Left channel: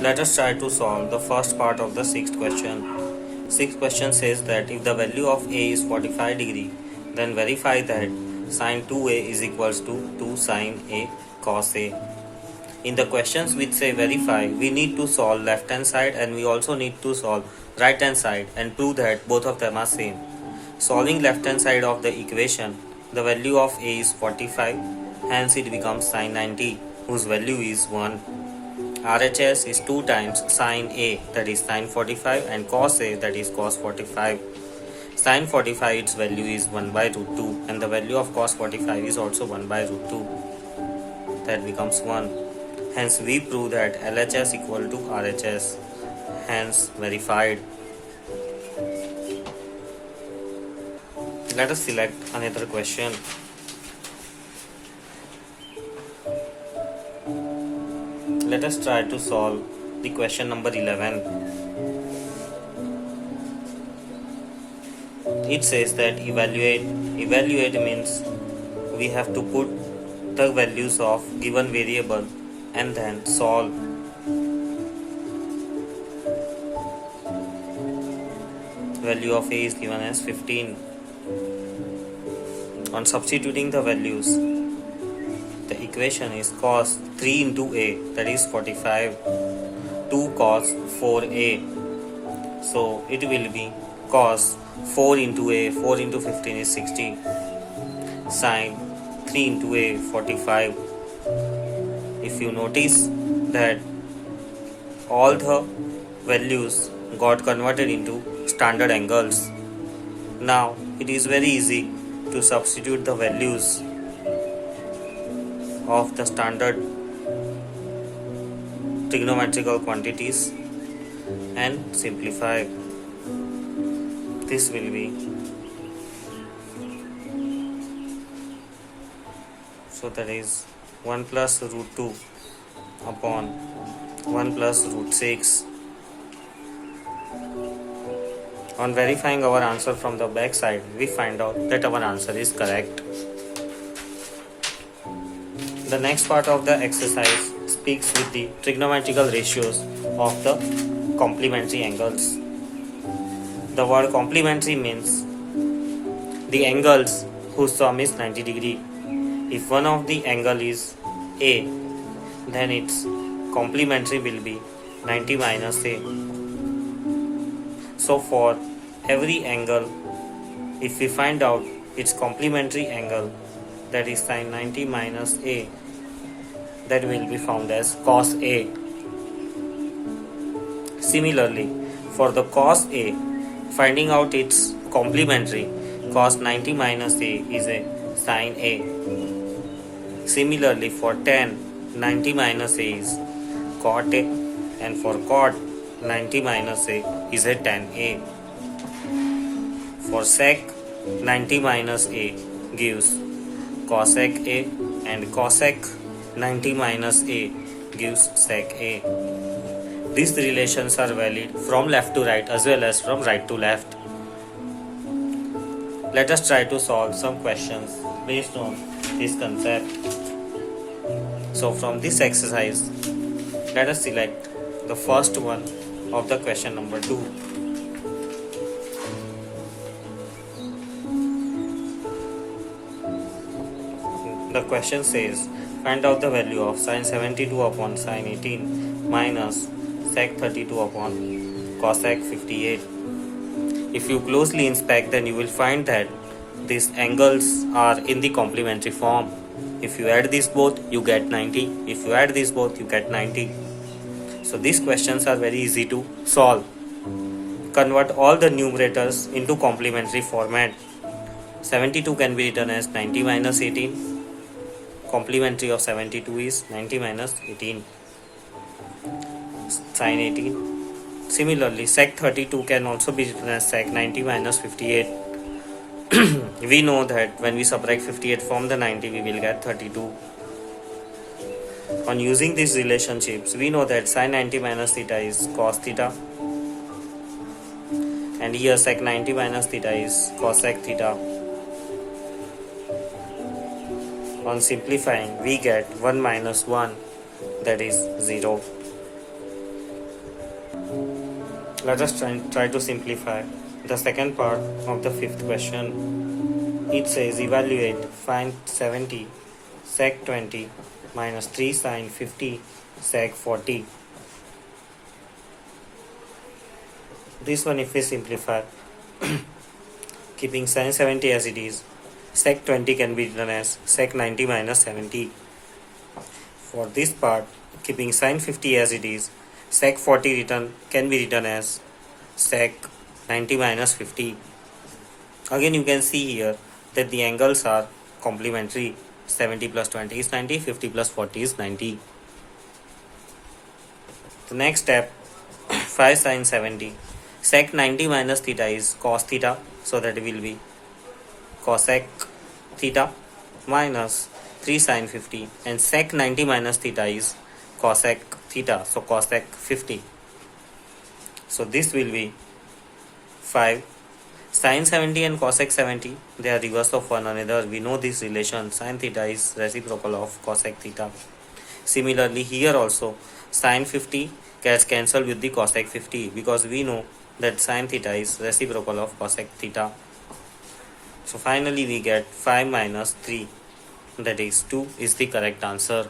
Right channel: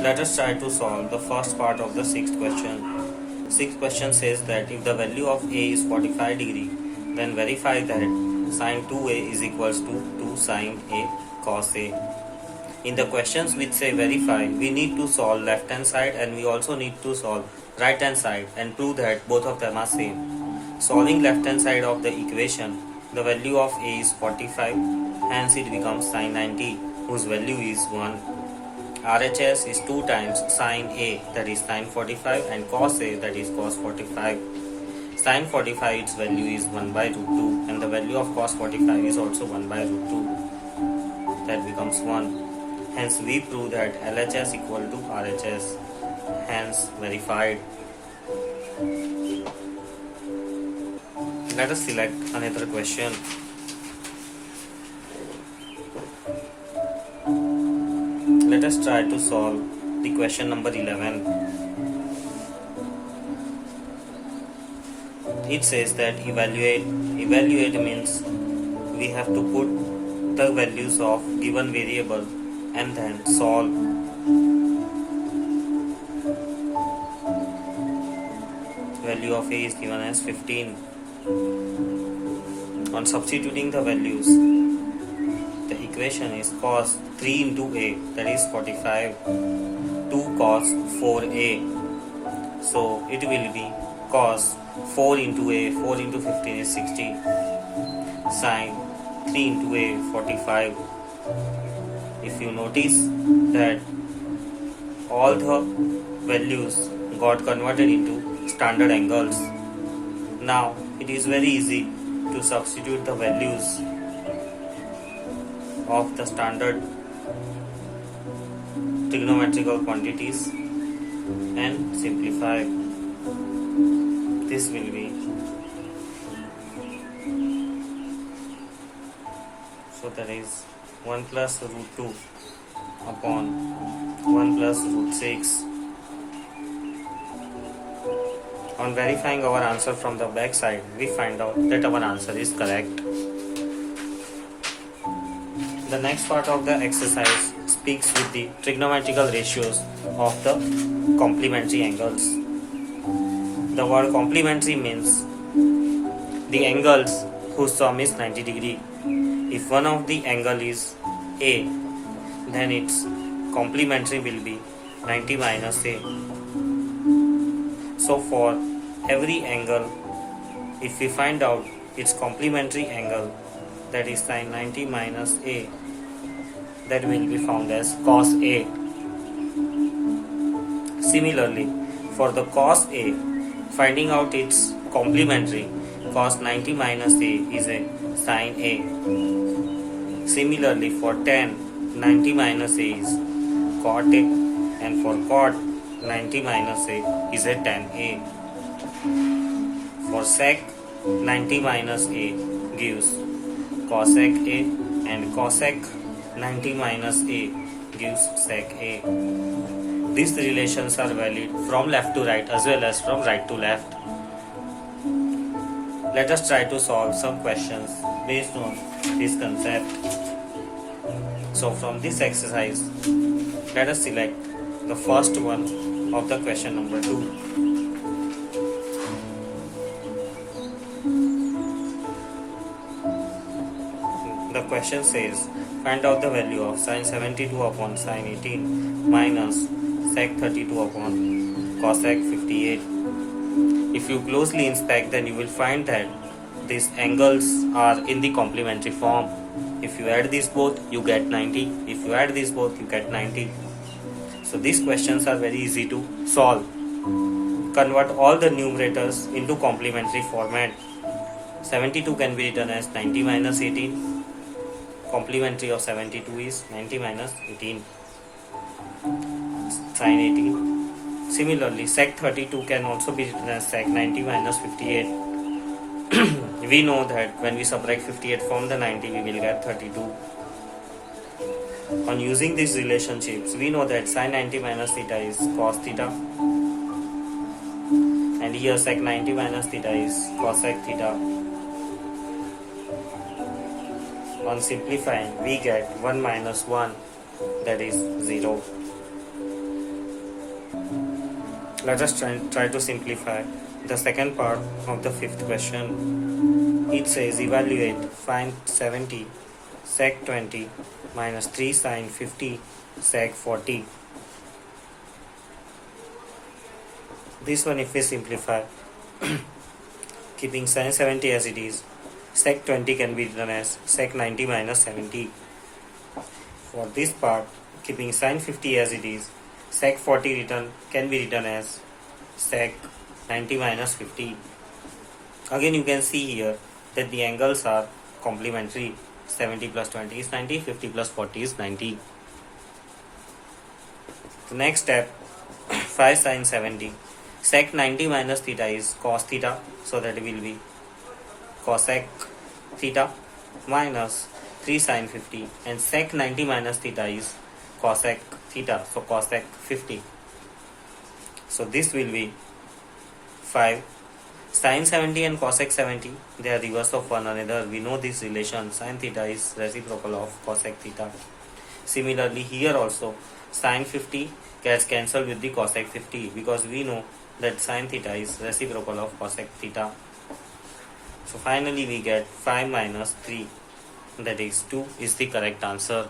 Let us try to solve the first part of the sixth question. Sixth question says that if the value of A is 45 degree, then verify that sine 2A is equals to 2 sine A cos A. In the questions which say verify, we need to solve left hand side and we also need to solve right hand side and prove that both of them are same. Solving left hand side of the equation, the value of A is 45, hence it becomes sine 90, whose value is 1. RHS is 2 times sine A, that is sine 45, and cos A, that is cos 45. Sine 45, its value is 1 by root 2, and the value of cos 45 is also 1 by root 2. That becomes 1. Hence we prove that LHS equal to RHS. Hence verified. Let us select another question. Let us try to solve the question number 11. It says that evaluate. Evaluate means we have to put the values of given variable and then solve. Value of A is given as 15. On substituting the values, the equation is cos 3 into A, that is 45, 2 cos 4A. So it will be cos 4 into A, 4 into 15 is 60, sine 3 into A, 45. If you notice that all the values got converted into standard angles, now it is very easy to substitute the values of the standard trigonometrical quantities and simplify. This will be, so that is 1 plus root 2 upon 1 plus root 6. On verifying our answer from the back side, we find out that our answer is correct. The next part of the exercise speaks with the trigonometrical ratios of the complementary angles. The word complementary means the angles whose sum is 90 degree. If one of the angle is A, then its complementary will be 90 minus A. So for every angle, if we find out its complementary angle, that is sine 90 minus A, that will be found as cos A. Similarly, for the cos A, finding out its complementary, cos 90 minus A is a sine A. Similarly, for tan 90 minus A is cot A, and for cot 90 minus A is a tan A. For sec 90 minus A gives cosec A, and cosec 90 minus A gives sec A. These relations are valid from left to right as well as from right to left. Let us try to solve some questions based on this concept. So from this exercise, let us select the first one of the question number 2. The question says, find out the value of sine 72 upon sine 18 minus sec 32 upon cosec 58. If you closely inspect, then you will find that these angles are in the complementary form. If you add these both, you get 90. If you add these both, you get 90. So these questions are very easy to solve. Convert all the numerators into complementary format. 72 can be written as 90 minus 18. Complementary of 72 is 90 minus 18, sine 18. Similarly, sec 32 can also be written as sec 90 minus 58. We know that when we subtract 58 from the 90, we will get 32. On using these relationships, we know that sine 90 minus theta is cos theta, and here sec 90 minus theta is cosec theta. On simplifying, we get 1 minus 1, that is 0. Let us try to simplify the second part of the fifth question. It says evaluate, find 70 sec 20 minus 3 sine 50 sec 40. This one, if we simplify, keeping sine 70 as it is, sec 20 can be written as sec 90 minus 70. For this part, keeping sine 50 as it is, sec 40 can be written as sec 90 minus 50. Again, you can see here that the angles are complementary. 70 plus 20 is 90, 50 plus 40 is 90. The next step, 5 sine 70. Sec 90 minus theta is cos theta, so that will be cosec theta minus 3 sine 50, and sec 90 minus theta is cosec theta, so cosec 50. So this will be 5 sine 70 and cosec 70, they are reverse of one another. We know this relation, sine theta is reciprocal of cosec theta. Similarly, here also sine 50 gets cancelled with the cosec 50, because we know that sine theta is reciprocal of cosec theta. So finally we get 5 minus 3, that is 2 is the correct answer.